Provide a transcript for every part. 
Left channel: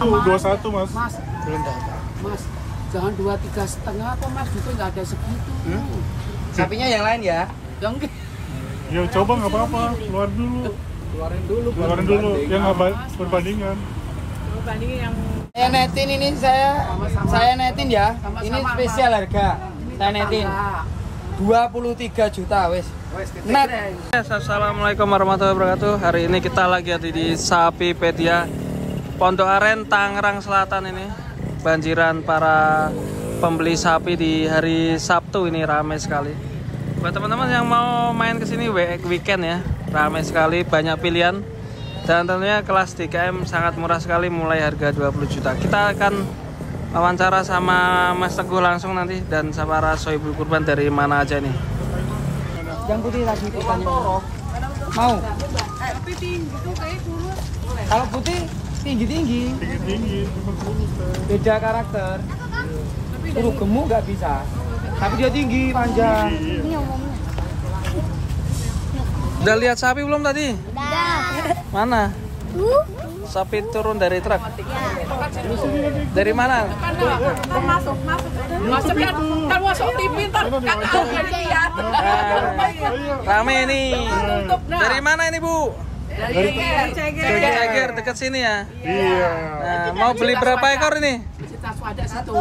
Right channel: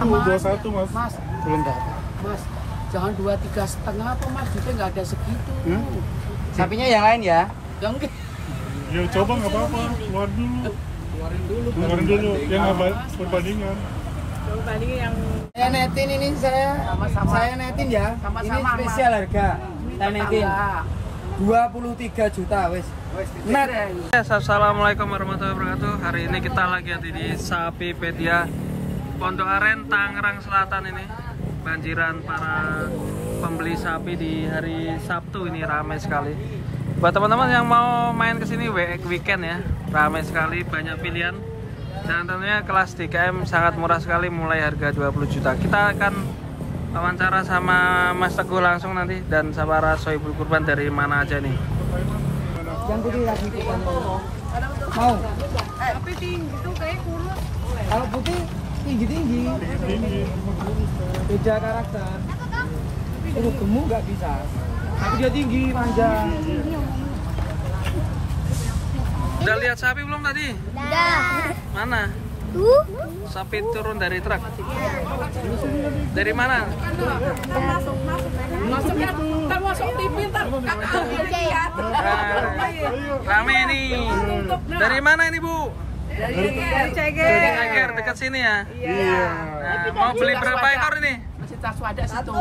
21 mas. Mas, Belum tahu. Mas, jangan 23,5 apa mas? Duitnya nggak ada segitu. Sapinya yang lain ya? Yang Ya coba nggak apa-apa, keluarin dulu. Keluarin dulu, yang perbandingan. Bandingin yang Saya netin ini saya netin ya. Sama-sama, Ini spesial harga. Saya netin 23 juta wes. Net. Assalamualaikum warahmatullahi wabarakatuh. Hari ini kita lagi ada di Sapipedia Pondok Aren, Tangerang Selatan ini. Banjiran para pembeli sapi di hari Sabtu ini ramai sekali. Buat teman-teman yang mau main ke sini weekend ya, ramai sekali, banyak pilihan. Dan tentunya kelas 3M sangat murah sekali, mulai harga 20 juta. Kita akan wawancara sama Mas Teguh langsung nanti, dan para sohibul kurban dari mana aja nih. Yang putih lagi mau. tapi tinggi tuh kayak kurus. Kalau putih tinggi-tinggi. Beda karakter. Suruh gemuk nggak bisa. Tapi dia tinggi, panjang. Udah lihat sapi belum tadi? Udah. Mana? Sapi turun dari truk. Dari mana? Masuk kan masuk TV ntar Rame ini. Dari mana ini Bu? dari Ceger. Ceger, dekat sini ya. Iya. Nah, mau beli berapa ekor ini? Cita Swada situ.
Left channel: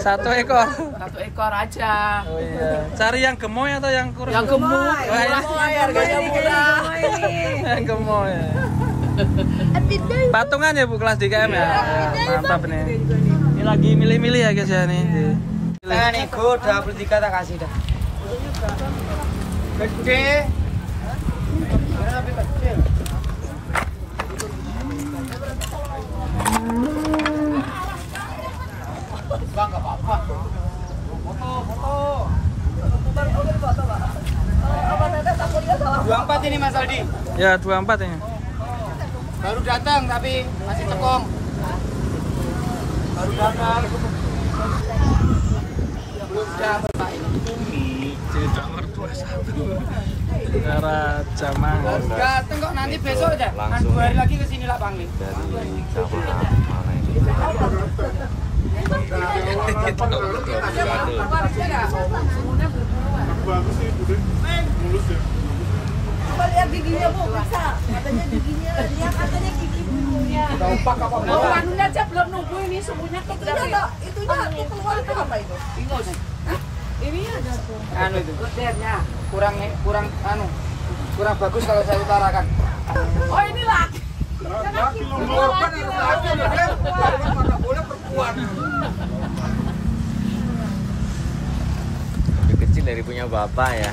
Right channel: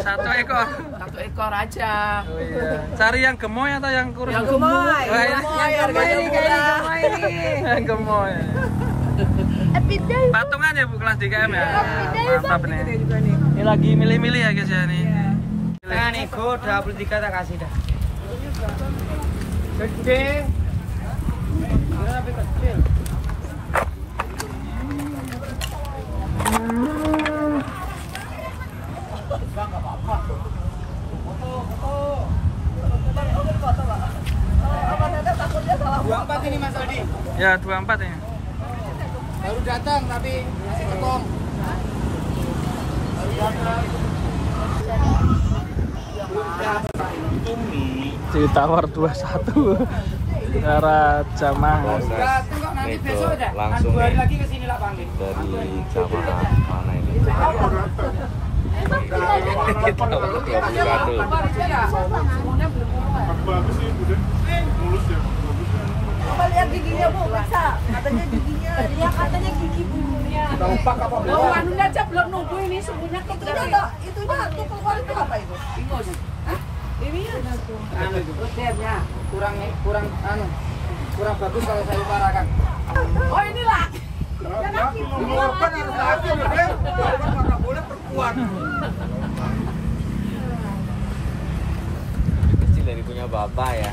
1 ekor. 1 ekor aja. Oh iya. Cari yang gemoy atau yang kurus? Yang gemuk. Wah, ini Harganya murah. yang gemoy. Patungan ya Bu, kelas 3M ya. Mantap nih. Ini lagi milih-milih ya guys ya nih. Saya nego 23 tak kasih dah. Gede. Enggak apa-apa. Foto. 24 ini Mas Aldi. Ya 24 ini. Baru datang tapi masih tekong. Baru datang. Ditawar 21. Cara jamaah. Datang kok nanti besok aja. Kan 2 hari lagi ke sini lah panggil. Bagus sih, Buden. Mulus ya. Coba lihat giginya Bu, bisa. Katanya giginya, dia katanya gigi bulunya. Dompak apa Oh, anunya aja belum nunggu ini semuanya Itunya tuh keluar itu apa itu? ini ada tuh. anu itu rodernya kurang bagus kalau saya utarakan. Oh inilah. Laki lo Korban harus laki, korban mana boleh perempuan. Kecil dari punya bapak ya.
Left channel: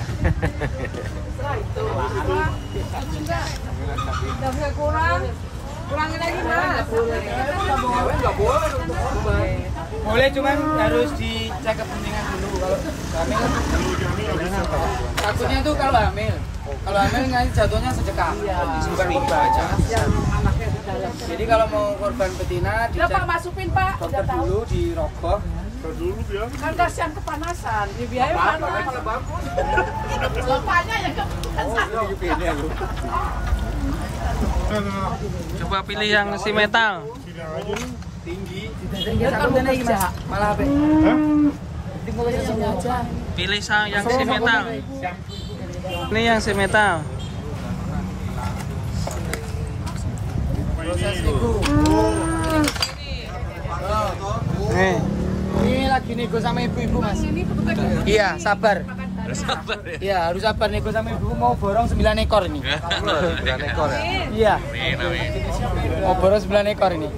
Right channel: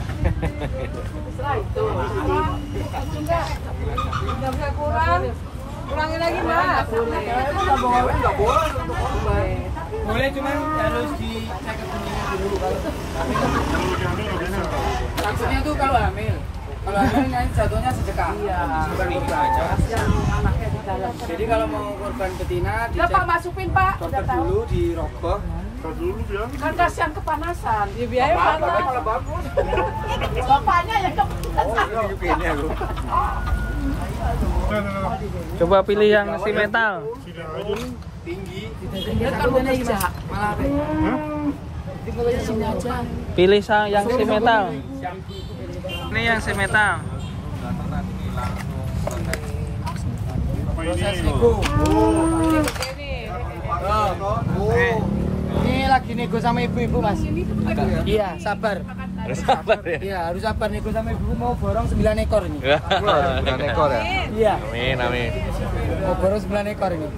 Udah bisa kurangin lagi Mas. Nggak boleh untuk korban. Boleh, cuman harus dicek kepentingan dulu. Kalau hamil, kalau lagi hamil nggak bisa. takutnya tuh kalau hamil nyanyi jatuhnya sedekah, bukan korban. Jadi kalau mau korban betina Udah Pak dicek masukin Pak. dokter dulu, dirogoh. Tar dulu biar. Kan kasihan kepanasan. Di biaya panas. Bapaknya ya kepanasan. Ini juga ini aku. Nah. Coba pilih yang si metal. Sini aja. Tinggi. Dia kan mau kerja. Malah apa? Hah? Sini aja. Pilih yang si metal. Ini yang si metal. Proses nego. Ini lagi nego sama ibu-ibu Mas. Iya, sabar. Sabar ya. Iya, harus sabar nego sama ibu, mau borong 9 ekor ini. Iya, Amin. mau borong 9 ekor ini.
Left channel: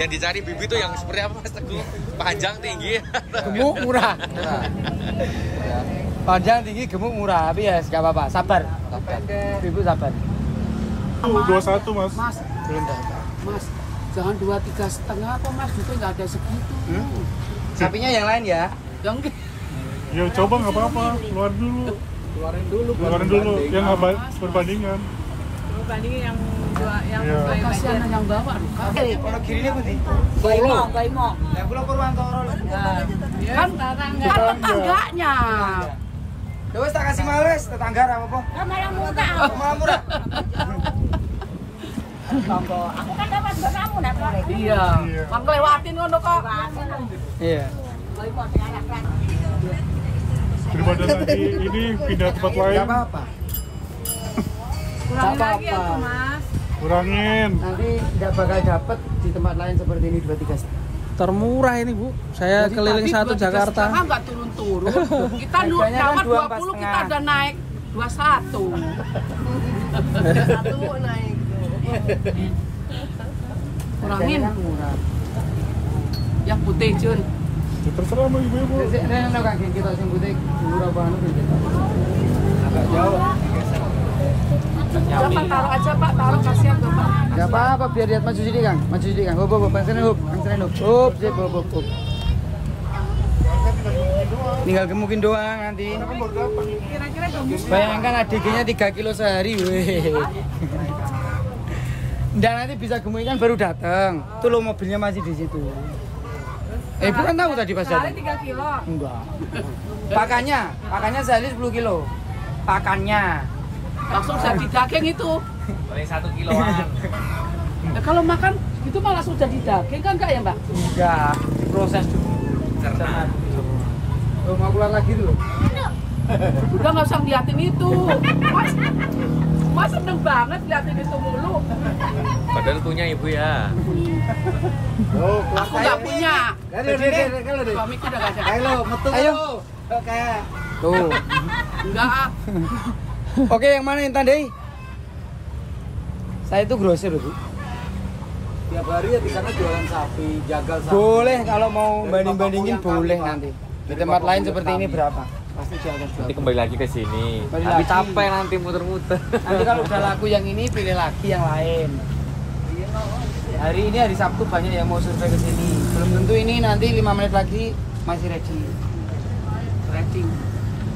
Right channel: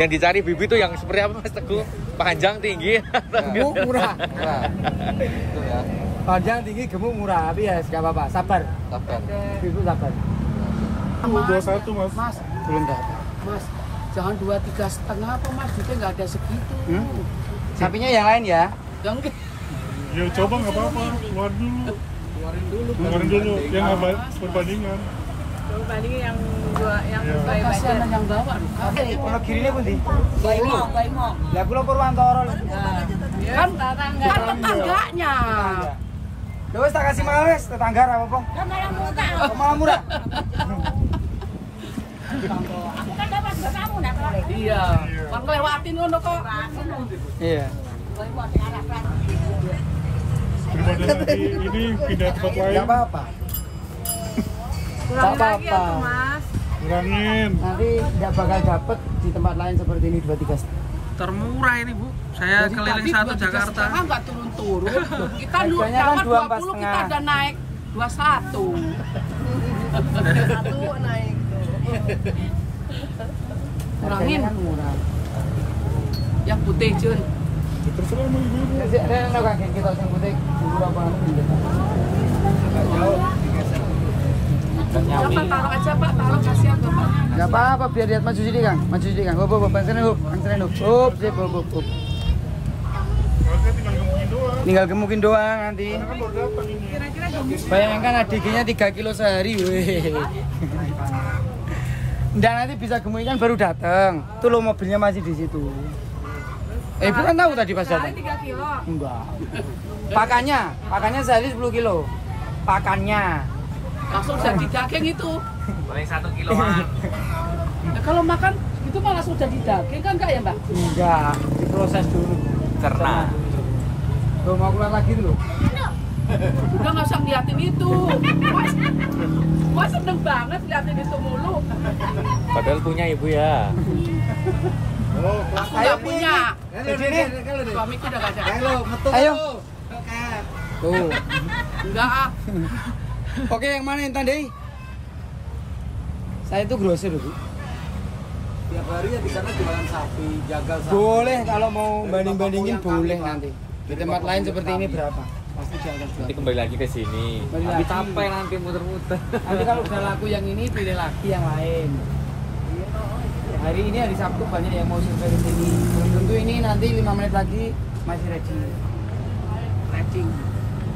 Yang dicari bibi tuh yang seperti apa Mas Teguh? Panjang, tinggi. Gemuk murah. Panjang tinggi gemuk murah, tapi ya enggak apa-apa, sabar. Ibu sabar. 21 mas. Mas, Belum tahu. Mas, jangan 23,5 apa Mas? Duitnya nggak ada segitu. Sapinya yang lain ya? Yang Ya coba nggak apa-apa, keluarin dulu. Keluarin dulu, yang perbandingan. Coba bandingin yang yang Iya. baik kasihan yang bawa aduh Kak. Kalau kiri ini berarti. Baimong. Lah kula Purwantoro. Kan tetangga. Kan tetangganya. Ya wis tak kasih mawes tetangga ra apa. Kan malah muka. Malah murah. Iya. Kan lewatin ngono kok. Iya. Daripada nanti ini pindah tempat lain. apa-apa. Kurangin lagi ya tuh Mas. Kurangin. Nanti nggak bakal dapet di tempat lain seperti ini 2-3 setengah. Termurah ini Bu. Saya Jadi keliling tadi satu 23,5 Jakarta. nggak turun-turun. Kita Harganya kan nawar 20 kita udah naik 21. Satu naik tuh. Kurangin. Yang putih Jun. Ya, terserah sama ibu-ibu. Kita sembunyi berapa? Jangan taruh aja Pak, taruh kasihan tuh Pak. Gak apa-apa, biar lihat maju sini Kang. Maju sini Kang. Hop, Bang Senen hop. Hop, sip, hop. Tinggal gemukin doang nanti. Kira-kira gemus. Bayangkan ADG-nya 3 kilo sehari, weh. Nggak, nanti bisa gemukin kan baru datang. Tuh lo mobilnya masih di situ. Ibu kan tahu tadi pas datang. 3 kilo. Enggak. Pakannya sehari 10 kilo. Pakannya. Langsung jadi daging itu. Paling 1 kiloan. Nah, kalau makan itu mah langsung jadi daging kan enggak ya Mbak? Enggak, diproses dulu. Karena Tuh mau keluar lagi dulu. Udah nggak usah liatin itu. Mas seneng banget liatin itu mulu. padahal punya ibu ya. Aku nggak punya. Kalau Suamiku udah nggak ada. Ayo. Tuh. Enggak ah. Oke, yang mana yang tandai? Saya itu grosir, Bu. Tiap hari ya di sana jualan sapi, jagal sapi. Boleh kalau mau banding-bandingin boleh nanti. Di tempat lain seperti ini berapa? Pasti dia akan jual. Nanti kembali lagi ke sini. Kembali Tapi lagi. capek nanti muter-muter. Nanti kalau udah laku yang ini pilih lagi yang lain. Hari ini hari Sabtu banyak yang mau survei ke sini. Belum tentu ini nanti 5 menit lagi masih ready. Ready.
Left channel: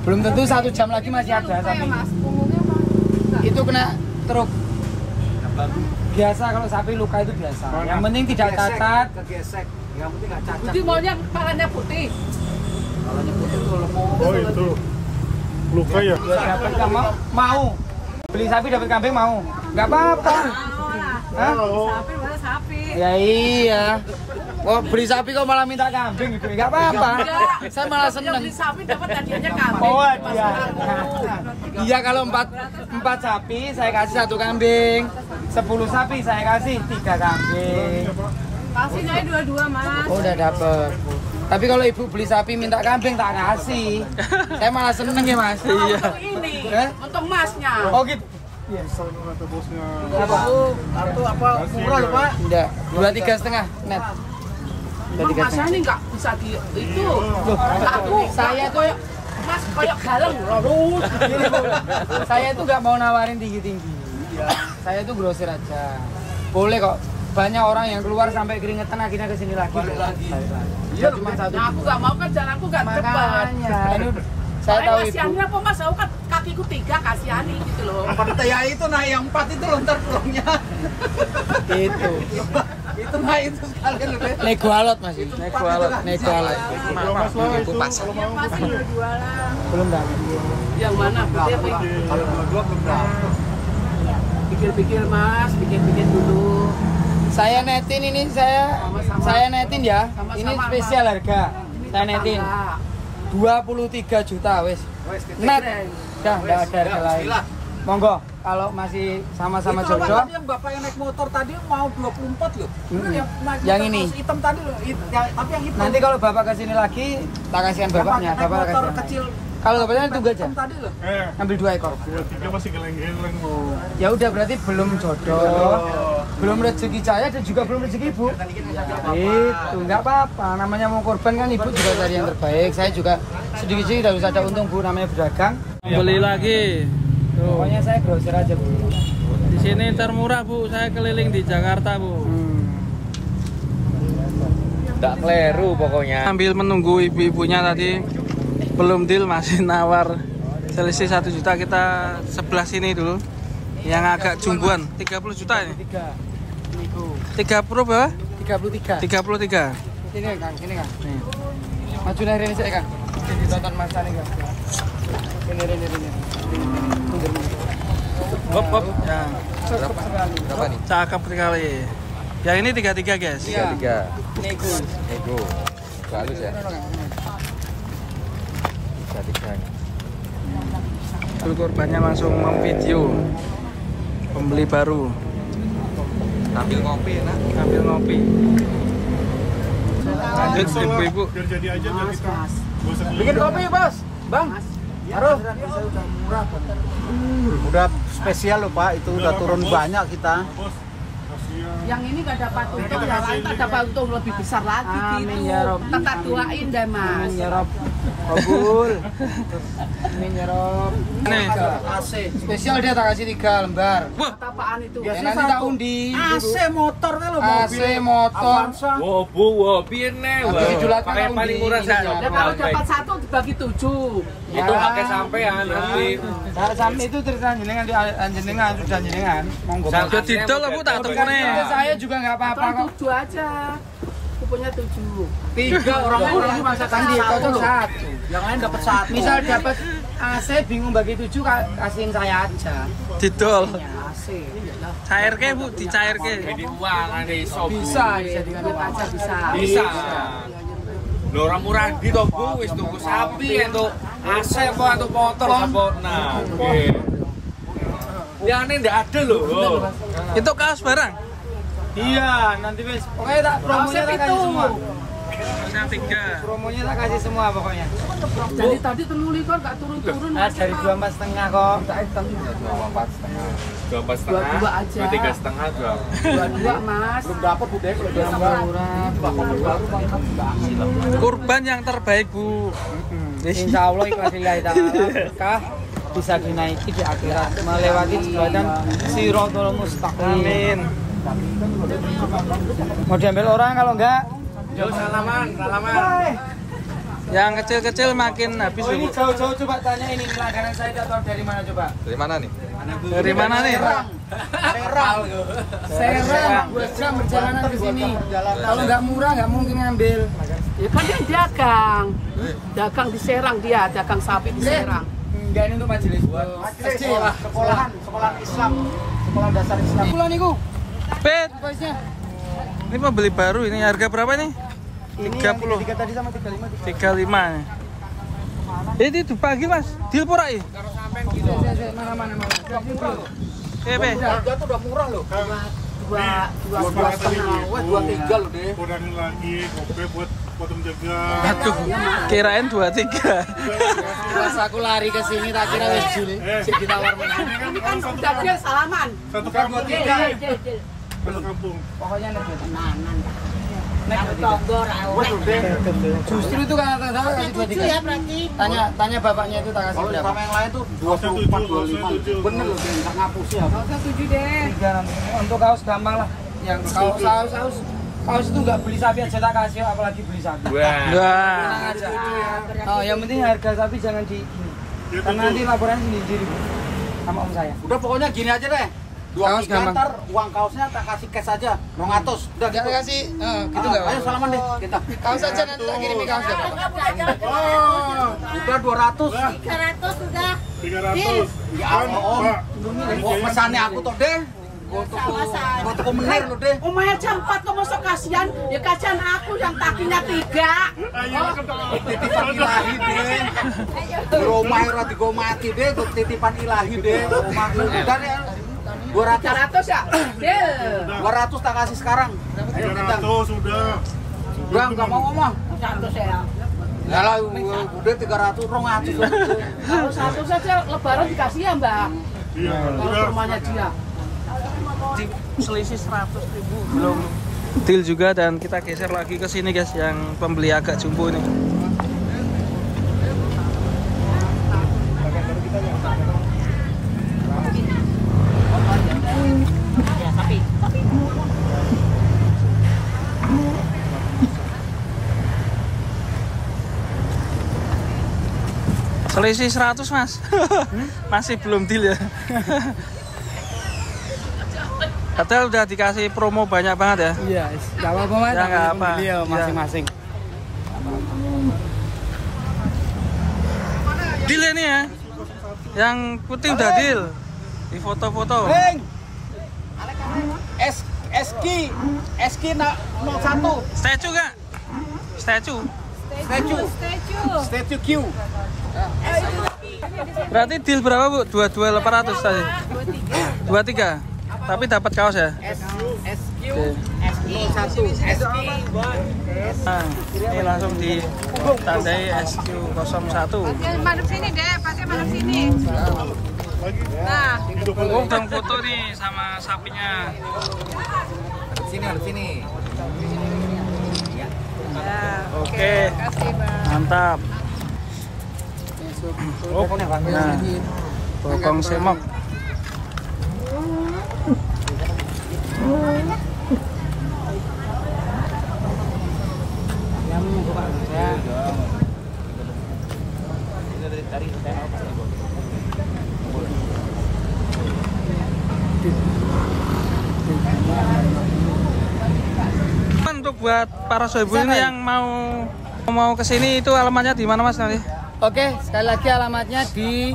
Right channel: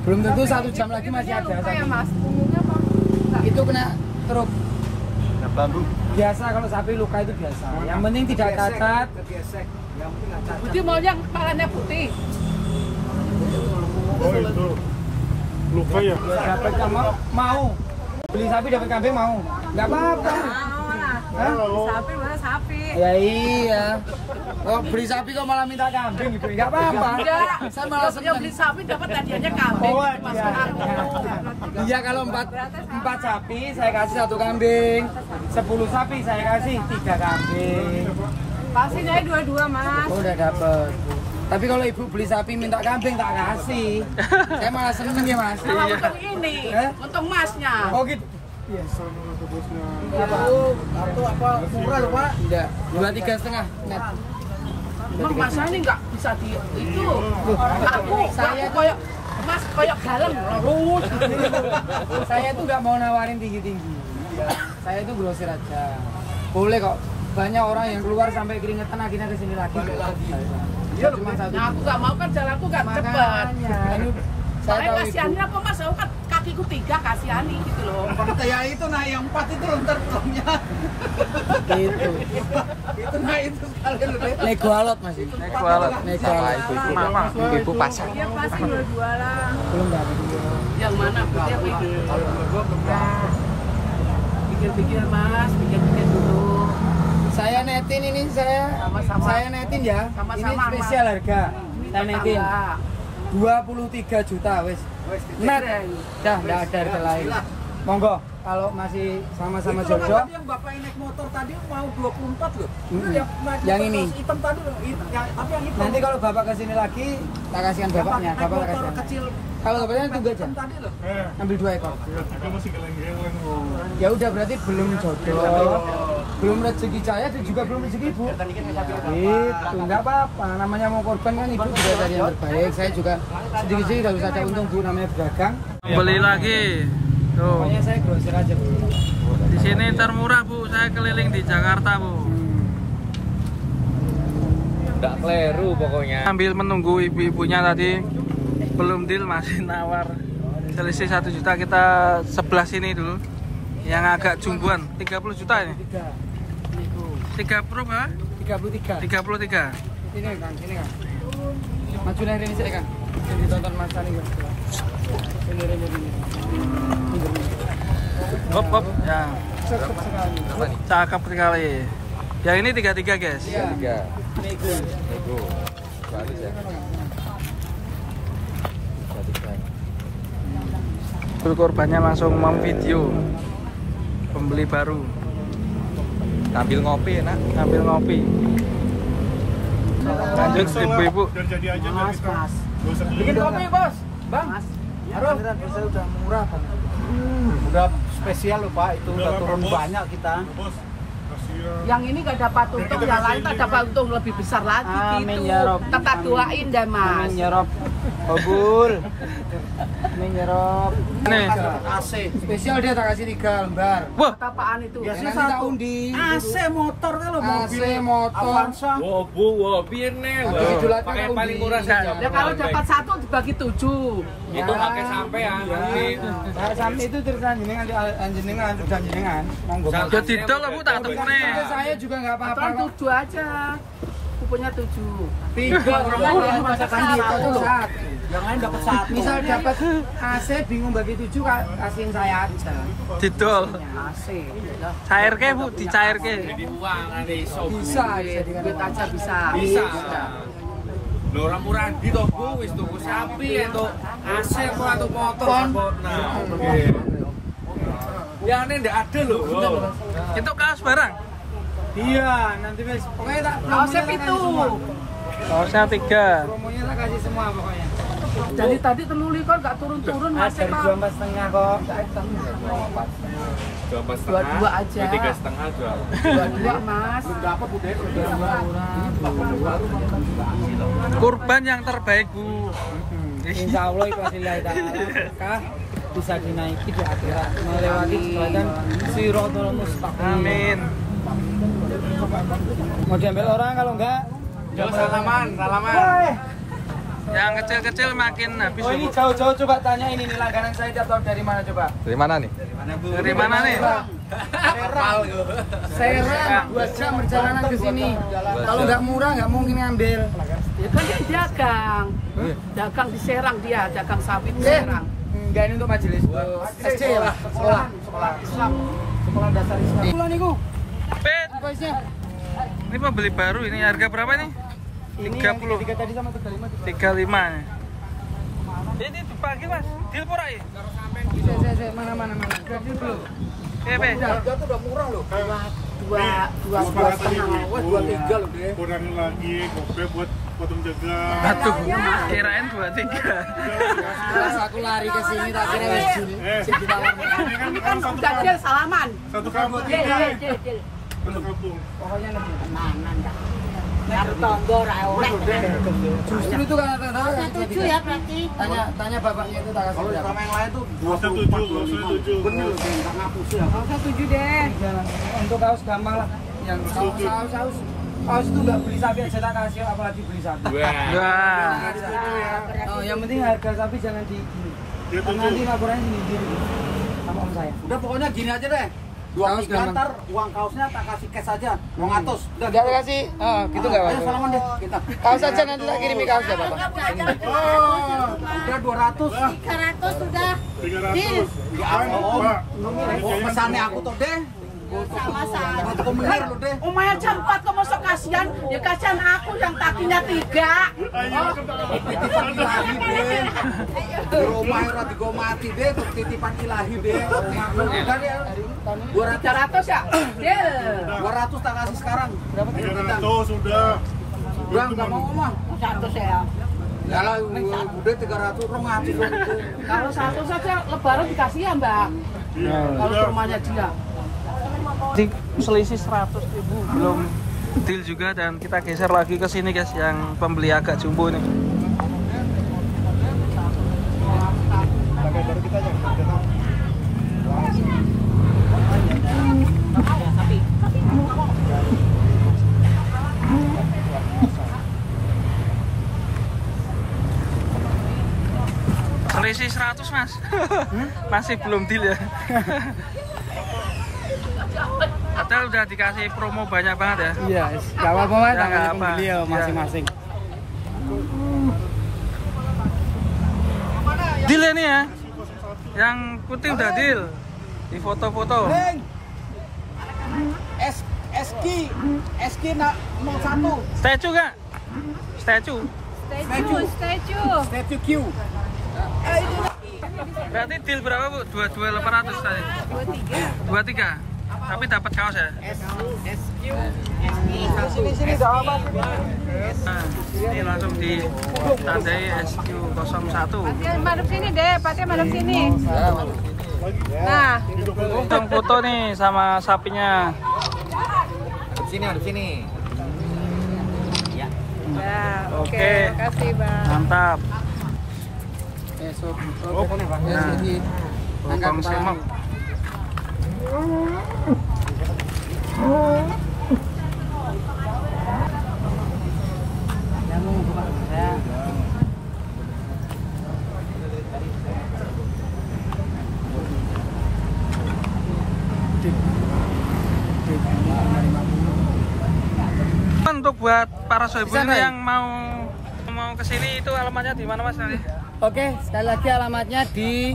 Belum tentu 1 jam lagi masih ada Luka ya sapi. Mas, punggungnya apa? Enggak. Itu kena truk. Bambu. Biasa kalau sapi luka itu biasa. Yang penting tidak cacat. Kegesek. Yang penting nggak cacat. Putih maunya kepalanya putih. Kalanya putih kalau mau. Oh itu. Luka ya. Dapat kamu mau beli sapi dapat kambing mau? Nggak apa-apa. Hah? Sapi mana sapi? Ya iya. Oh beli sapi kok malah minta kambing gitu? Nggak apa-apa. Enggak. Saya malah Yang seneng. beli sapi dapat hadiahnya kambing. Oh Mas iya. Bang. Iya kalau 4 sapi saya kasih 1 kambing. 10 sapi saya kasih 3 kambing. Pasti dari dua-dua Mas. Oh udah dapet. Tapi kalau ibu beli sapi minta kambing tak kasih. Saya malah seneng ya mas. Nah, untung ini, Eh? untung masnya. Oh gitu. Sana atau bosnya. Atau apa murah loh Pak? Tidak. 2,3,5 net. Emang masnya ini nggak bisa di itu. Aku, Saya aku koyok mas koyok galeng lurus. Saya itu nggak mau nawarin tinggi-tinggi. Saya itu grosir aja. Boleh kok. Banyak orang yang keluar sampai keringetan akhirnya kesini lagi. Iya cuma 1. Nah, aku nggak mau kan jalanku nggak cepat. Makanya ini saya tahu itu. Kasihannya apa mas? Aku kan kakiku 3 kasihani gitu loh. Ya itu naik yang 4 itu loh ntar pulangnya. Itu. Itu naik itu sekalian loh deh. Nego alot mas ini. Nego alot. Nego alot. Maaf. Iya, Pasti dua-dua lah. Belum dapat. Yang mana putih apa ini? Kalau yang kedua belum dapat. Pikir-pikir mas, pikir-pikir dulu. Saya netin ini Sama-sama. saya netin ya. Sama-sama, Ini spesial harga. Saya netin 23 juta wes. Net. Dah enggak ada harga lain. Monggo kalau masih sama-sama Itu jodoh. tadi yang bapak yang naik motor tadi mau 24 loh. Itu Mm-mm. naik Yang motor ini. kaos hitam tadi loh. Tapi yang hitam. Nanti kalau bapak kesini lagi, tak kasihan bapaknya. Yang Bapak tak motor kasihan. kecil. Kalau bapaknya tunggu aja. Hitam tadi loh. Ambil 2 ekor. 2-3 masih geleng-geleng mau. Ya udah berarti belum jodoh. Belum rezeki saya dan juga belum rezeki ibu. Itu nggak apa-apa. Namanya mau korban kan ibu juga cari yang terbaik. Saya juga sedikit-sedikit harus ada untung bu. Namanya berdagang. Beli lagi. Tuh. Pokoknya saya grosir aja bu. Di sini termurah Bu. Saya keliling di Jakarta Bu. Enggak keliru pokoknya. Sambil menunggu ibu-ibunya tadi belum deal masih nawar. Selisih 1 juta kita sebelah sini dulu. Yang agak jumbuan 30 juta ini. 3. Niku. 30 berapa? 33. 33. Sini kan, sini kan. Maju dari ini saya kan. Ditonton Mas Tani kan. Ini. Mundur. Hop hop ya. Cakep sekali. Cakep sekali. Yang ini 33 guys. Iya. Nego. Full korbannya langsung memvideo pembeli baru. Ambil ngopi ya. Ambil ngopi. Lanjut ibu-ibu. Biar jadi aja biar kita. Gak usah beli. Bikin kopi, Bos. Bang. Aduh. Udah spesial loh, Pak. Itu udah turun banyak kita. Bos, kasihan. Yang ini gak dapat untung, yang lain tak dapat untung lebih besar lagi gitu. Tetap doain deh Mas. Ya Rob. Kabul. Amin ya Rob. Nih. AC. Spesial dia tak kasih 3 lembar. Wah, Apaan itu? Ya nanti tak undi. AC motor kan lo AC motor. Avanza. Piye nih? Dijulatkan Pakai undi. paling murah Enggak. Ya kalau dapat 1 dibagi 7. Itu pakai sampean nanti. Nah, sampai itu cerita jenengan di jenengan dan jenengan monggo. ya didol lah Bu, tak temune. Saya juga nggak apa-apa Aturan kok. 7 aja. Pupunya 7. 3 orang masa Kan di satu loh. satu. Yang lain dapat 1. Misal dapat AC bingung bagi 7 kasihin saya aja. Didol. AC. Cairke Bu, dicairke. Jadi uang ada iso. Bisa Duit aja bisa. Bisa. Lho ora murah di to Bu, wis tuku sapi entuk AC kok entuk motor kok. Nah, nggih. Ya ini ndak ada loh. Itu kaos barang. Iya, nanti wes. Pokoknya tak Kaosnya promonya tak kasih itu. semua. Kaosnya 3. Promonya tak kasih semua pokoknya. Jadi tadi teluli kok gak turun-turun Ah, Mas. dari 24,5 kok. 22 aja. 3,5 juga. 22 Mas. Dapat Bu Dek. Kurban yang terbaik Bu. Insya Allah ikhlaslillahi ta'ala berkah bisa dinaiki di akhirat melewati jembatan Shirathul Mustaqim. Amin. Mau diambil orang kalau enggak Salaman. Yang kecil-kecil makin habis ini Bu. jauh-jauh coba tanya ini langganan saya atau dari mana coba? Dari mana nih? Dari mana nih? Serang 2 jam perjalanan ke sini. Kalau nggak murah nggak mungkin ngambil. Ya kan dia dagang. Dagang di Serang dia, dagang sapi di Serang. Enggak, ini untuk majelis. SD ya? Sekolah. Pulang niku. Bet, Price-nya. ini pembeli baru ini harga berapa nih? 30. 3 tadi sama 35. 35. Ini tuh pagi Mas. Deal pura ya? Mana. Jadi belum. Be. Harga tuh udah murah loh. Dua setengah. 23 loh deh. Kurangin lagi kopi buat potong jaga. Aduh, kirain 23. Pas aku lari ke sini tak kira wis jul. Sing ditawar meneh. Ini kan udah dia salaman. Satu kampung. Jil. Satu kampung. Pokoknya nek Tenanan dah. Karo tonggo ra oleh. justru itu kan saya kasih 7 ya berarti. Tanya bapaknya itu tak kasih Kalau berapa? sama yang lain tuh Nggak usah 7, 24, 25. Bener loh, Dek. Enggak ngapus ya. Masa 7 deh. 3 nanti. Untuk kaos gampang lah. Yang kaos itu nggak beli sapi aja tak kasih, apalagi beli sapi. Wah. Oh, yang penting harga sapi jangan di ini. Ya, Karena nanti laporannya sendiri Bu. Sama om saya. Udah pokoknya gini aja deh. Kaos 23 gampang. ntar uang kaosnya tak kasih cash aja. 200. Udah gitu. kasih, gitu nggak Ayo salaman deh kita. Kaos aja nanti tak kirim kaos. Oh, udah 200. 300 sudah. 300. Ya Allah, Om. Oh, pesannya aku tuh deh. Sama saja. Mau toko menir lo deh. Umaya jam 4 kok masuk kasihan. Ya kasihan aku yang kakinya 3. Titipan ilahi deh. Di rumah ora digo mati deh, tuh titipan ilahi deh. Omahku udah deh. 300 ya? Deal. 200 tak kasih sekarang. Ayo kita. 300 sudah. Udah enggak mau omah. 100 ya. Ya lah, udah 300 200. Kalau 1 saja lebaran dikasih ya Mbak. Iya. Kalau ke rumahnya dia. Selisih 100.000 belum deal juga dan kita geser lagi ke sini guys yang pembeli agak jumbo nih. Selisih 100 Mas. Masih belum deal ya. Padahal udah dikasih promo banyak banget ya. Iya, nggak apa-apa Mas, Ya, nggak namanya apa. pembeli ya Ya. masing-masing. Deal ini ya. Yang putih udah deal. Di foto-foto. Ring. SQ 01. Statue gak? Statue. Statue Q. Berarti deal berapa Bu? 22.800 tadi? 23. Tapi dapat kaos ya? SQ Nah, ini langsung ditandai SQ01. Oke, madep sini deh, pakai madep sini. Nah, Langsung foto nih sama sapinya. Sini. Oke, mantap. Oh, nah, bokong semok. Kamu mau Pak saya. Untuk buat para soibu ini yang mau kesini itu alamatnya di mana Mas nanti? Oke, sekali lagi alamatnya di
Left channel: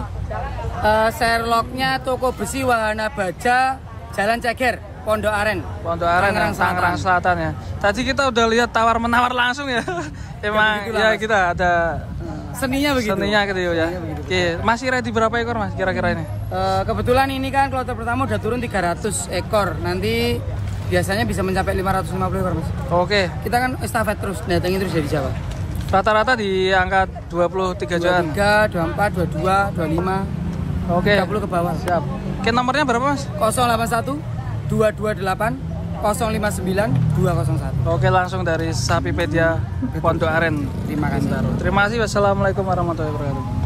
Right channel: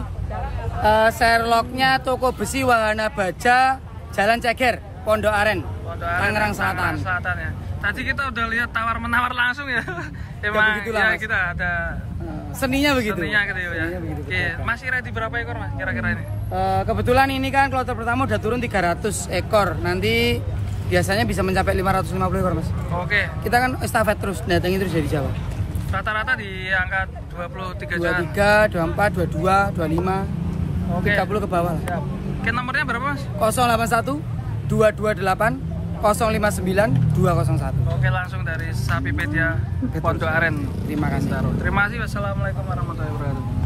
Sherlocknya Toko Besi Wahana Baja, Jalan Ceger, Pondok Aren, Tangerang Selatan ya. Tadi kita udah lihat tawar-menawar langsung ya. Emang ya kita ada seninya begitu. Seninya gitu ya. Begitu, Oke, masih ready berapa ekor Mas kira-kira ini? Kebetulan ini kan kloter pertama udah turun 300 ekor. Nanti biasanya bisa mencapai 550 ekor Mas. Oke. Kita kan estafet terus, datangin terus dari Jawa. Rata-rata di angka 23 jutaan. 23, 24, 22, 25, Oke. 30 ke bawah. Siap. Oke, nomornya berapa Mas? 081 228 059 201. Oke, langsung dari Sapipedia Pondok Aren. Terima kasih. Terima kasih. Wassalamualaikum warahmatullahi wabarakatuh.